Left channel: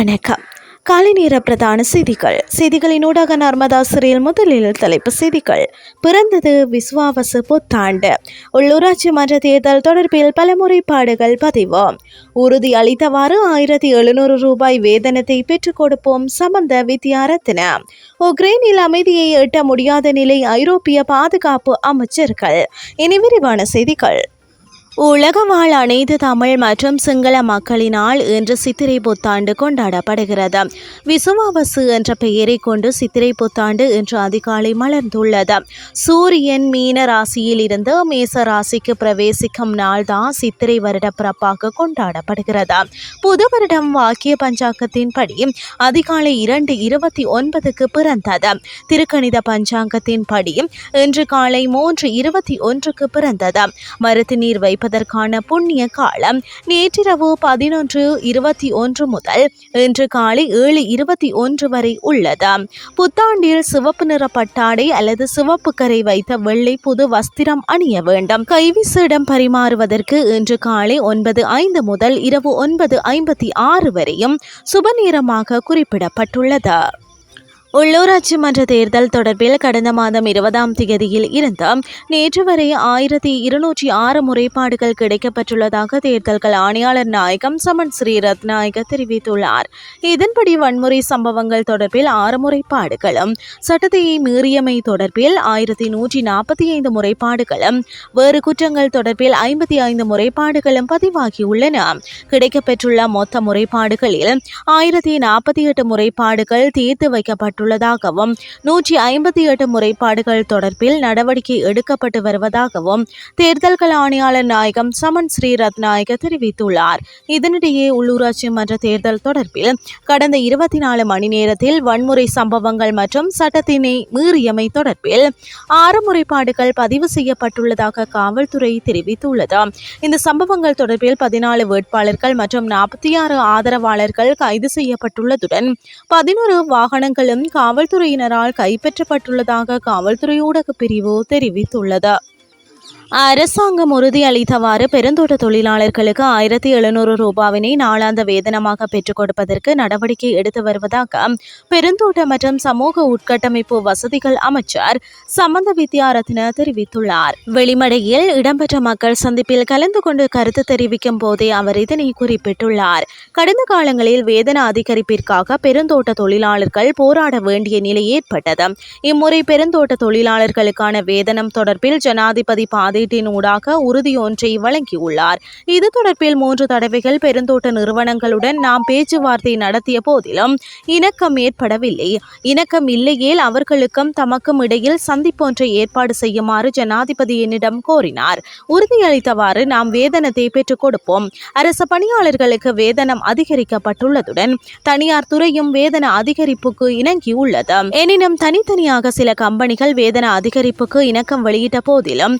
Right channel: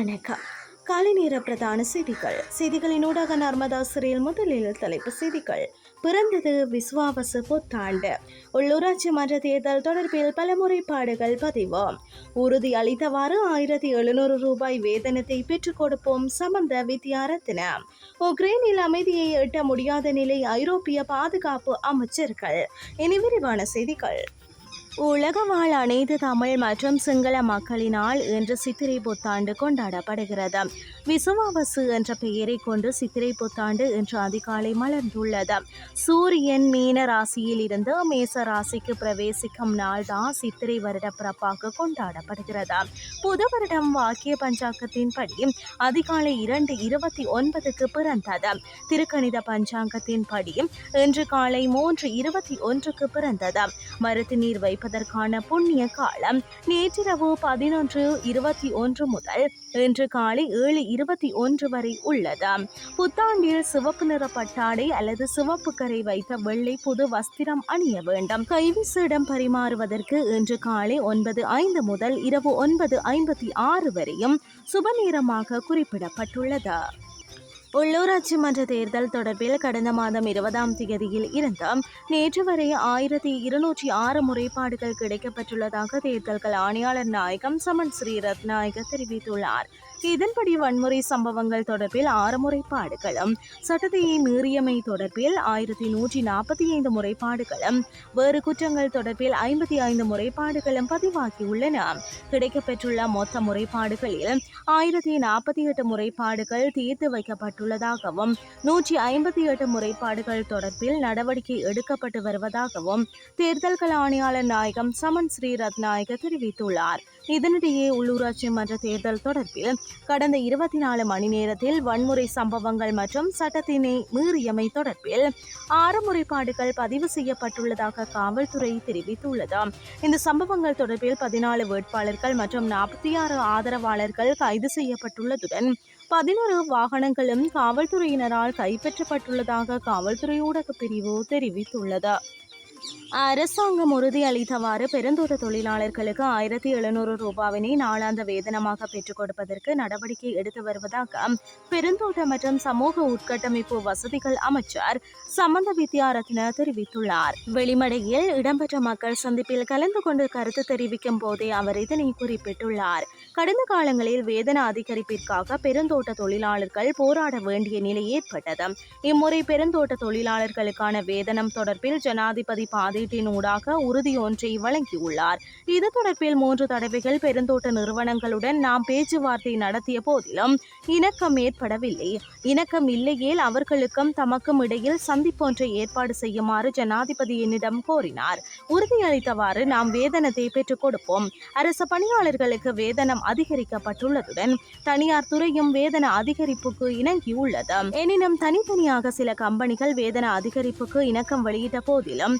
வணக்கம். காலை நேர பிரதான செய்திகள். செய்திகளினூடாக நர்மதா சிறையில் முதலில் தலைப்பு செய்திகள். பிறந்தது விஸ்வாவசு புத்தாண்டு. உள்ளூராட்சி மன்ற தேர்தல் தொடர்பில் பல முறைப்பாடுகள் பதிவு. உறுதி அளித்தவாறு ஆயிரத்தி எழுநூறு ரூபாய் வேதனத்தை பெற்றுக் கொடுப்போம் சம்பந்த வித்யாரத்ன. உக்ரைனில் அமைதியை எட்ட முடியாத நிலை ஐரோப்பிய பாதுகாப்பு அமைச்சர்கள். இனி விரிவான செய்திகள். உலக வாழ் அனைத்து தமிழ் மற்றும் சிங்கள மக்களினால் இன்று சித்திரை புத்தாண்டு கொண்டாடப்படுகிறது. விசுவாவசு என்ற பெயரை கொண்டு சித்திரை புத்தாண்டு இன்று அதிகாலை மலர்ந்துள்ளது. சூரியன் மீன ராசியில் இருந்து மேச ராசிக்கு பிரவேசிக்கும் நாள்தான் சித்திரை வருட பிறப்பாக கொண்டாடப்படுகிறது. புது வருடம் வாக்கிய பஞ்சாங்கத்தின்படி அதிகாலை இரண்டு இருபத்தி ஒன்பதுக்கு பிறந்தது. திருக்கணித பஞ்சாங்கத்தின்படி இன்று காலை மூன்று இருபத்தி ஒன்றுக்கு பிறந்தது. மருத்து நீர் வைப்பது செய்வதற்கான புண்ணிய காலம் நேற்றிரவு பதினொன்று இருபத்தி ஒன்று முதல் இன்று காலை ஏழு இருபத்தி ஒன்று வரை உள்ளது. புத்தாண்டில் சிவப்பு நிற பட்டாடை அல்லது சிவப்பு கரை வைத்த வெள்ளை புது வஸ்திரம் அணிய வேண்டும். கைவிசிடம் பரிமாறுவதற்கு இன்று காலை ஒன்பது ஐந்து முதல் இரவு ஒன்பது ஐம்பத்தி ஆறு வரையும் சுபநேரமாக குறிப்பிடப்பட்டுள்ளது. உள்ளூராட்சி மன்ற தேர்தல் தொடர்பில் கடந்த மாதம் இருபதாம் தேதியில் இருந்து நேற்று வரை ஆயிரத்தி இருநூற்றி ஆறு முறைப்பாடுகள் கிடைக்கப்பட்டுள்ளதாக தேர்தல்கள் ஆணையாளர் நாயகம் சமன் ஸ்ரீரத்நாயக தெரிவித்துள்ளார். இதன்படி வன்முறை சம்பவங்கள் தொடர்பில் ஆறு முறைப்பாடுகளும் சட்டத்தையை மீறியமை தொடர்பில் ஆயிரத்தி நூற்றி நாற்பத்தி ஐந்து முறைப்பாடுகளும் வேறு குற்றங்கள் தொடர்பில் ஐம்பத்தி ஐந்து முறைப்பாடுகளும் பதிவாகியுள்ளன. கிடைக்கப்பெற்றுள்ள மொத்த முறைப்பாடுகளில் ஆயிரத்தி நாற்பத்தி எட்டு முறைப்பாடுகள் தீர்த்து வைக்கப்பட்டு செய்யப்பட்டுள்ளதாகவும் நூற்றி ஐம்பத்தி எட்டு முறைப்பாடுகள் தொடர்பில் நடவடிக்கை எடுக்கப்பட்டு வருவதாகவும் தேர்தல்கள் ஆணையாளர் நாயகம் சமன் ஸ்ரீரத்நாயக தெரிவித்துள்ளார். இதனிடையே உள்ளூராட்சி மன்ற தேர்தல் தொடர்பில் கடந்த இருபத்தி நாலு மணி நேரத்தில் வன்முறை சம்பவங்கள் மற்றும் சட்டத்தினை மீறியமை தொடர்பில் ஆறு முறைப்பாடுகள் பதிவு செய்யப்பட்டுள்ளதாக காவல்துறை தெரிவித்துள்ளது. இந்த சம்பவங்கள் தொடர்பில் பதினாலு வேட்பாளர்கள் மற்றும் நாற்பத்தி ஆறு ஆதரவாளர்கள் கைது செய்யப்பட்டுள்ளதுடன் பதினோரு வாகனங்களும் காவல்துறையினரால் கைப்பற்றப்பட்டுள்ளதாக காவல்துறை ஊடகப் பிரிவு தெரிவித்துள்ளது. அரசாங்கம் உறுதியளித்தவாறு பெருந்தோட்ட தொழிலாளர்களுக்கு ஆயிரத்தி எழுநூறு ரூபாவினை நாளாந்த வேதனமாக பெற்றுக் கொடுப்பதற்கு நடவடிக்கை எடுத்து வருவதாக பெருந்தோட்ட மற்றும் சமூக உட்கட்டமைப்பு வசதிகள் அமைச்சர் சம்பந்த வித்யாரத்ன தெரிவித்துள்ளார். வெளிமடையில் இடம்பெற்ற மக்கள் சந்திப்பில் கலந்து கொண்டு கருத்து தெரிவிக்கும் போதே அவர் இதனை குறிப்பிட்டுள்ளார். கடந்த காலங்களில் வேதன அதிகரிப்பிற்காக பெருந்தோட்ட தொழிலாளர்கள் போராட வேண்டிய நிலை ஏற்பட்டது. இம்முறை பெருந்தோட்ட தொழிலாளர்களுக்கான வேதனம் தொடர்பில் ஜனாதிபதி பாதை ஊடாக உறுதியொன்றை வழங்கியுள்ளார். இது தொடர்பில் மூன்று தடவைகள் பெருந்தோட்ட நிறுவனங்களுடன் நாம் பேச்சுவார்த்தை நடத்திய போதிலும் இணக்கம் ஏற்படவில்லை. இணக்கம் இல்லையேல் அவர்களுக்கும் தமக்கும் இடையில் சந்திப்பொன்றை ஏற்பாடு செய்யுமாறு ஜனாதிபதி என்னிடம் கோரினார். உறுதியளித்தவாறு நாம் வேதனத்தை பெற்றுக் கொடுப்போம். அரசு பணியாளர்களுக்கு வேதனம் அதிகரிக்கப்பட்டுள்ளதுடன் தனியார் துறையும் வேதன அதிகரிப்புக்கு இணங்கியுள்ளது. எனினும் தனித்தனியாக சில கம்பெனிகள் வேதன அதிகரிப்புக்கு இணக்கம் வெளியிட்ட போதிலும்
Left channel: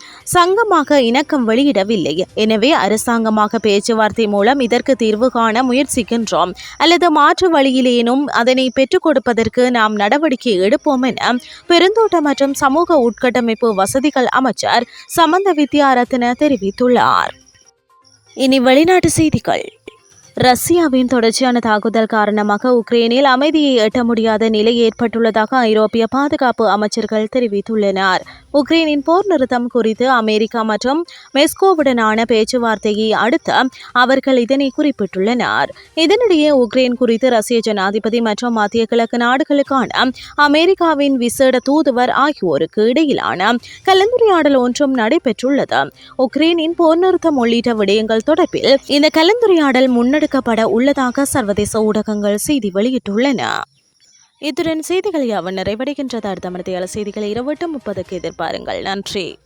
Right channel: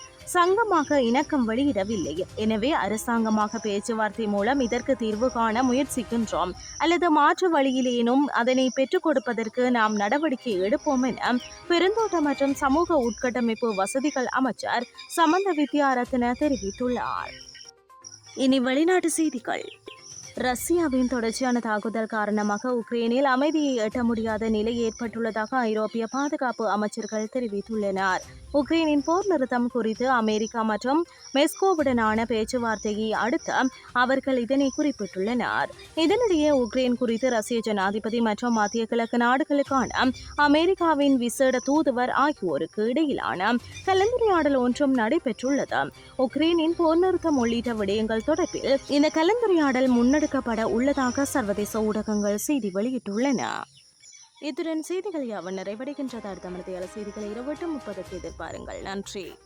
சங்கமாக இணக்கம் வெளியிடவில்லை. எனவே அரசாங்கமாக பேச்சுவார்த்தை மூலம் இதற்கு தீர்வு காண முயற்சிக்கின்றோம். அல்லது மாற்று வழியிலேனும் அதனை பெற்றுக் கொடுப்பதற்கு நாம் நடவடிக்கை எடுப்போம் என பெருந்தோட்ட மற்றும் சமூக உட்கட்டமைப்பு வசதிகள் அமைச்சர் சமந்த வித்யாரத்ன தெரிவித்துள்ளார். இனி வெளிநாட்டு செய்திகள். ரஷ்யாவின் தொடர்ச்சியான தாக்குதல் காரணமாக உக்ரைனில் அமைதியை எட்ட முடியாத நிலை ஏற்பட்டுள்ளதாக ஐரோப்பிய பாதுகாப்பு அமைச்சர்கள் தெரிவித்துள்ளனர். உக்ரைனின் போர் நிறுத்தம் குறித்து அமெரிக்கா மற்றும் மெஸ்கோவுடனான பேச்சுவார்த்தையை அடுத்து அவர்கள் இதனை குறிப்பிட்டுள்ளனர். இதனிடையே உக்ரைன் குறித்து ரஷ்ய ஜனாதிபதி மற்றும் மத்திய கிழக்கு நாடுகளுக்கான அமெரிக்காவின் விசேட தூதுவர் ஆகியோருக்கு இடையிலான கலந்துரையாடல் ஒன்றும் நடைபெற்றுள்ளது. உக்ரைனின் போர் நிறுத்தம் உள்ளிட்ட விடயங்கள் தொடர்பில் இந்த கலந்துரையாடல் முன்னெடுக்கப்பட உள்ளதாக சர்வதேச ஊடகங்கள் செய்தி வெளியிட்டுள்ளன. இத்துடன் செய்திகள் யாவன் நிறைவடைகின்றது? அடுத்த மனதையால் செய்திகளை இரவு முப்பதுக்கு எதிர்பாருங்கள். நன்றி.